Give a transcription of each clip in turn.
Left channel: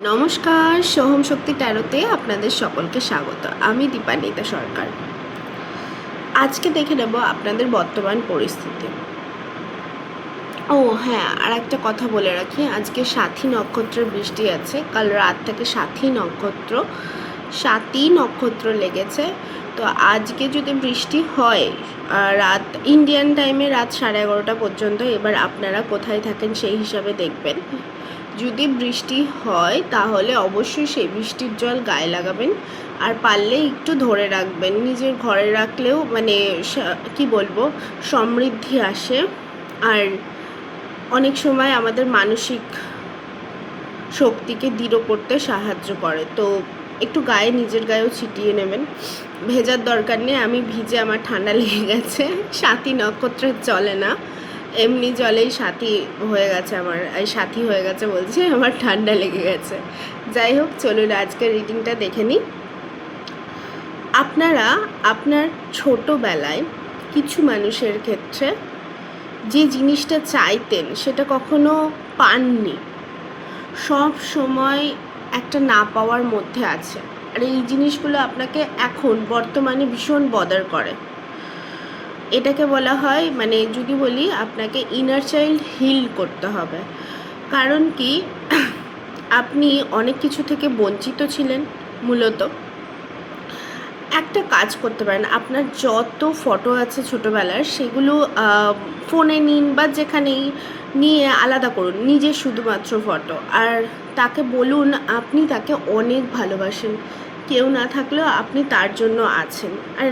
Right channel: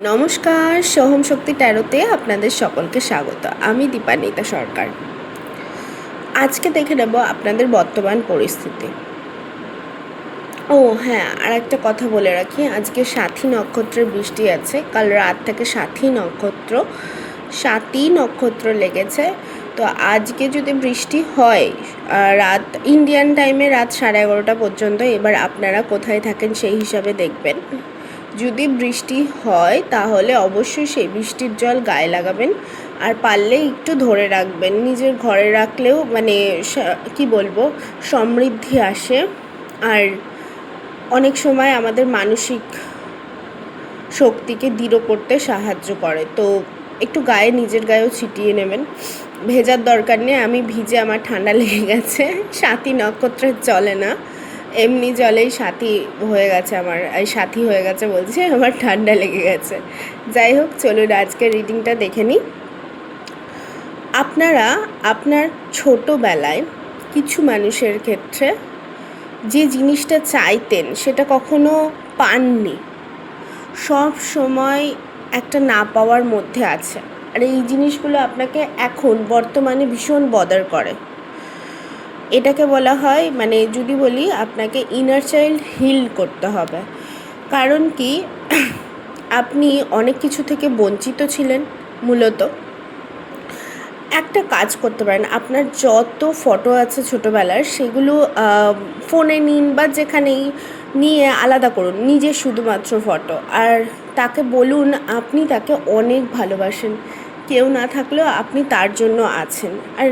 নমস্কার, সোহম শক্তি ট্যারোতে আপনাদের সকলকে স্বাগত। আমি দীপান্বিতা সরকার। আজকে দেখে নেব আপনাদের বর্তমান পরিস্থিতি। ও হ্যাঁ, আর একটা কথা বলে রাখি, আজকে সাথী নক্ষত্রের বৃষ্টি আছে। কাল রাত থেকে সাথী নক্ষত্র লেগেছে। তো আজকে যদি বৃষ্টি হয় রাত ইন্ডিয়ান টাইমে রাত 11:30 পর্যন্ত, এবার আপনারা কোথায় থাকেন সেই হিসাবে দেখবেন। যদি বৃষ্টি হয় তাহলে অবশ্যই সেই বৃষ্টির জল গায়ে লাগাবেন, আর পারলে একটু ধরে রাখবেন। নিজের ঘরে রাখলেও কি বলবো, সমৃদ্ধি আসে, আর অনেক সময় আমাদের মানসিক শক্তিকে দৃঢ় করতে সাহায্য করে। তো একটু নিজের গায়েও ছিটিয়ে নেবেন। ভেজার দরকার নেই, আমি ভিজে আমার ঠান্ডা লেগে গেছে। সাথী নক্ষত্রের চলে না, এমনি জলেই সাথী হয়ে গেছে আমার ঠান্ডা লেগে গেছে। যাই হোক, চলুন আজকের রিডিংটা দেখে নিই। আপনারা আপনার ছোটোবেলায় কিছু মানুষের ক্ষেত্রে যে জিনিসটা চাইতেন সেটা কখনো পাননি, সব সময় একটা না পাওয়ার মধ্যে আছে, আর এই জিনিসগুলো আপনাকে এখন বর্তমানে ভীষণ বদার করে। এটাকে বলা হয়, যদি বলি, আপনাকে ইনার চাইল্ড হিল করতে হবে। কারণ কি, আপনি অনেক কিছু থেকে বঞ্চিত ছিলেন। মূলত একটা কাজ করতে পারেন, আপনার যত ফটো আছে ছোটোবেলার সেগুলো ফোনে নিন বা যেখানেই নিয়ে আলাদা করুন নিজের শুধুমাত্র ফটো, আর তাকে বলুন আপনি তাকে অনেক ভালোবাসেন, কেউ না থাকলেও আপনি তার জন্য আছেন। আর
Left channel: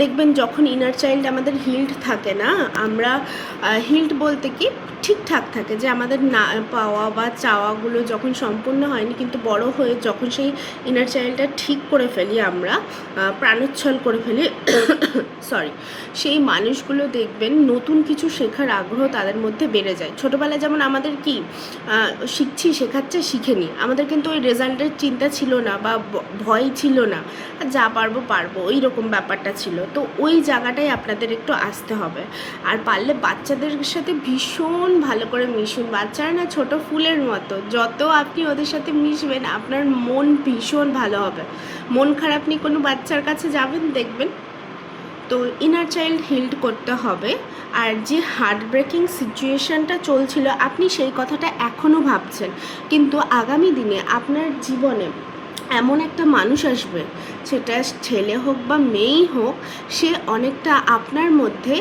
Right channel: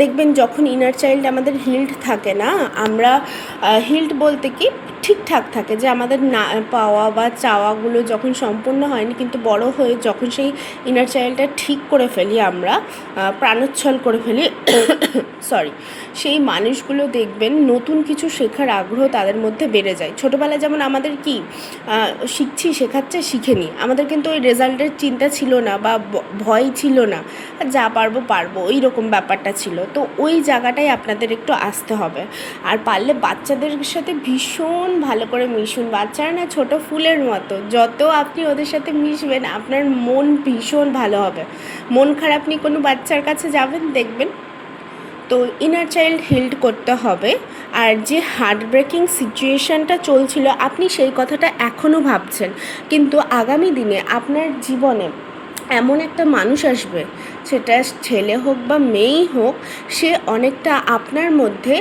দেখবেন যখন ইনার চাইল্ড আমাদের হিল্ড থাকে না, আমরা হিল্ড বলতে কি ঠিকঠাক থাকে, যে আমাদের না পাওয়া বা চাওয়াগুলো যখন সম্পূর্ণ হয়নি, কিন্তু বড় হয়ে যখন সেই ইনার চাইল্ডটা ঠিক করে ফেলি, আমরা প্রাণোচ্ছল করে ফেলি সেই মানুষগুলো দেখবেন নতুন কিছু শেখার আগ্রহ তাদের মধ্যে বেড়ে যায়। ছোটোবেলায় যেমন আমাদের কি শেখাচ্ছে শিখে নি, আমাদের কিন্তু ওই রেজাল্টের চিন্তা ছিল না বা ভয় ছিল না, যা পারবো ওই রকম ব্যাপারটা ছিল। তো ওই জায়গাটায় আপনাদের একটু আসতে হবে। আর পারলে বাচ্চাদের সাথে ভীষণ ভালো করে মিশুন। বাচ্চারা না ছোটো ফুলের মতো, যত আপনি ওদের সাথে মিশবেন আপনার মন ভীষণ ভালো হবে। মন খারাপ নিয়ে কোনো বাচ্চার কাছে যাবেন, দেখবেন। তো ইনার চাইল্ড হিল্ড করতে হবে। আর যে হার্ট ব্রেকিং সিচুয়েশানটা চলছিল, আপনি সেই কথাটা এখনও ভাবছেন, কিন্তু আগামী দিনে আপনার জীবনে এমন একটা মানুষ আসবে, সেটা ছেলে হোক বা মেয়েই হোক, সে অনেকটা আপনার মধ্যে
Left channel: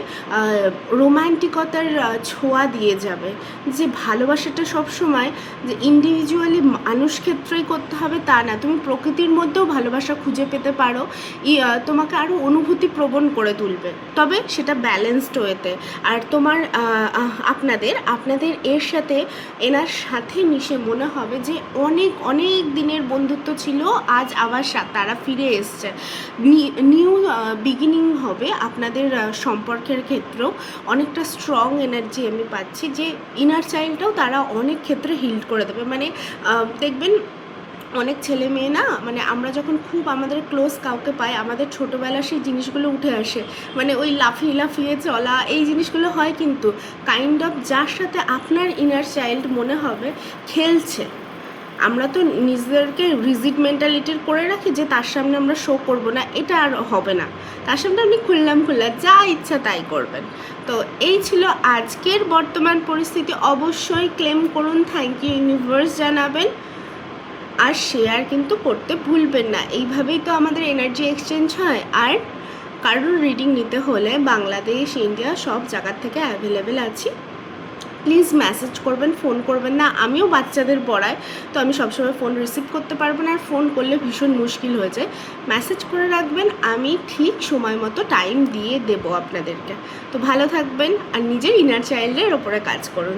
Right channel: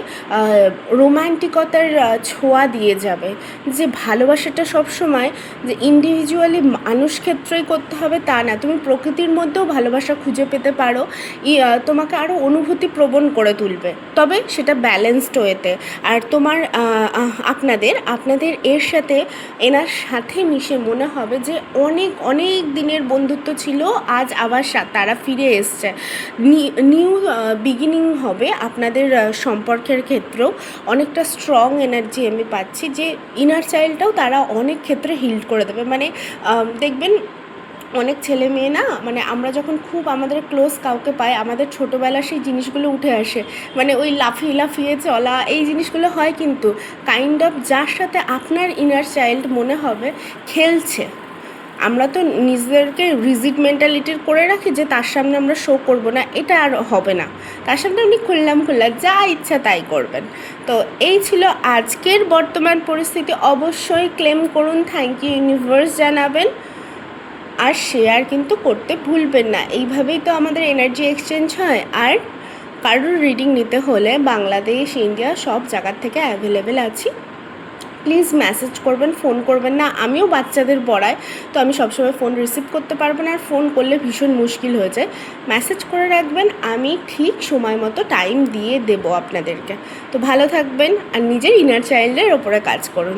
রোম্যান্টিকতার ছোঁয়া দিয়ে যাবে। যে ভালোবাসাটা সবসময় যে ইন্ডিভিজুয়ালি মানুষ ক্ষেত্রেই করতে হবে তা না, তুমি প্রকৃতির মধ্যেও ভালোবাসা খুঁজে পেতে পারো। তোমাকে আরও অনুভূতি প্রবণ করে তুলবে, তবে সেটা ব্যালেন্সড ওয়েতে। আর আপনাদের এনার সাথে মিশে মনে হবে যে অনেক অনেক দিনের বন্ধুত্ব ছিল, আজ আবার তারা ফিরে এসছে। নিউ বিগিনিং হবে আপনাদের সম্পর্কের ক্ষেত্রেও। অনেকটা স্ট্রং এনার্জি আমি পাচ্ছি, যে ইনার চাইল্ডটাও তারা অনেক ক্ষেত্রে হিল করে দেবে। দেখবেন অনেক ছেলে মেয়ে না, আমরা যখন খুব আমাদের ক্লোজ কাউকে পাই, আমাদের ছোটোবেলার সেই জিনিসগুলো উঠে আসে, ওই লাফিয়ে চলা, এই জিনিসগুলো হয়। কিন্তু কাইন্ড অফ যার সাথে আপনার ইনার চাইল্ড মনে হবে খেলছে, আমরা তো নিজেদেরকে রিজিড মেন্টালিটির করে রাখি যে তার সামনে আমরা শো করব না, এটা আর হবে না। তার সামনে আপনি খুললাম যা ইচ্ছা তাই করবেন। তো এই ছিল আজকের বর্তমান পরিস্থিতি। অবশ্যই ক্লেম করুন, থ্যাংক ইউ ইউনিভার্স জানাবেন, আর শেয়ার কিন্তু করতে ভুলবেন না। এইভাবেই তো আমাদের এনার্জি এক্সচেঞ্জ হয়। আর কারোর রিডিং নিতে হলে বাংলাদেশ, ইন্ডিয়া সব জায়গার থেকে অ্যাভেলেবেল আছি। প্লিজ মেসেজ করবেন, ফোন করবেন না। আমিও বাচ্চাদের পড়াই, তো আমি সবসময় ফোন রিসিভ করতে পারবো না, আর ফোন করলে ভীষণ মুশকিল হয়ে যায়। মেসেজ করে রাখবেন, আমি ঠিক সময় মতো টাইম দিয়ে দেবো আপনাদেরকে। তো ভালো থাকবেন, আর নিজের ইনার চাইল্ডের ওপরে কাজ করুন।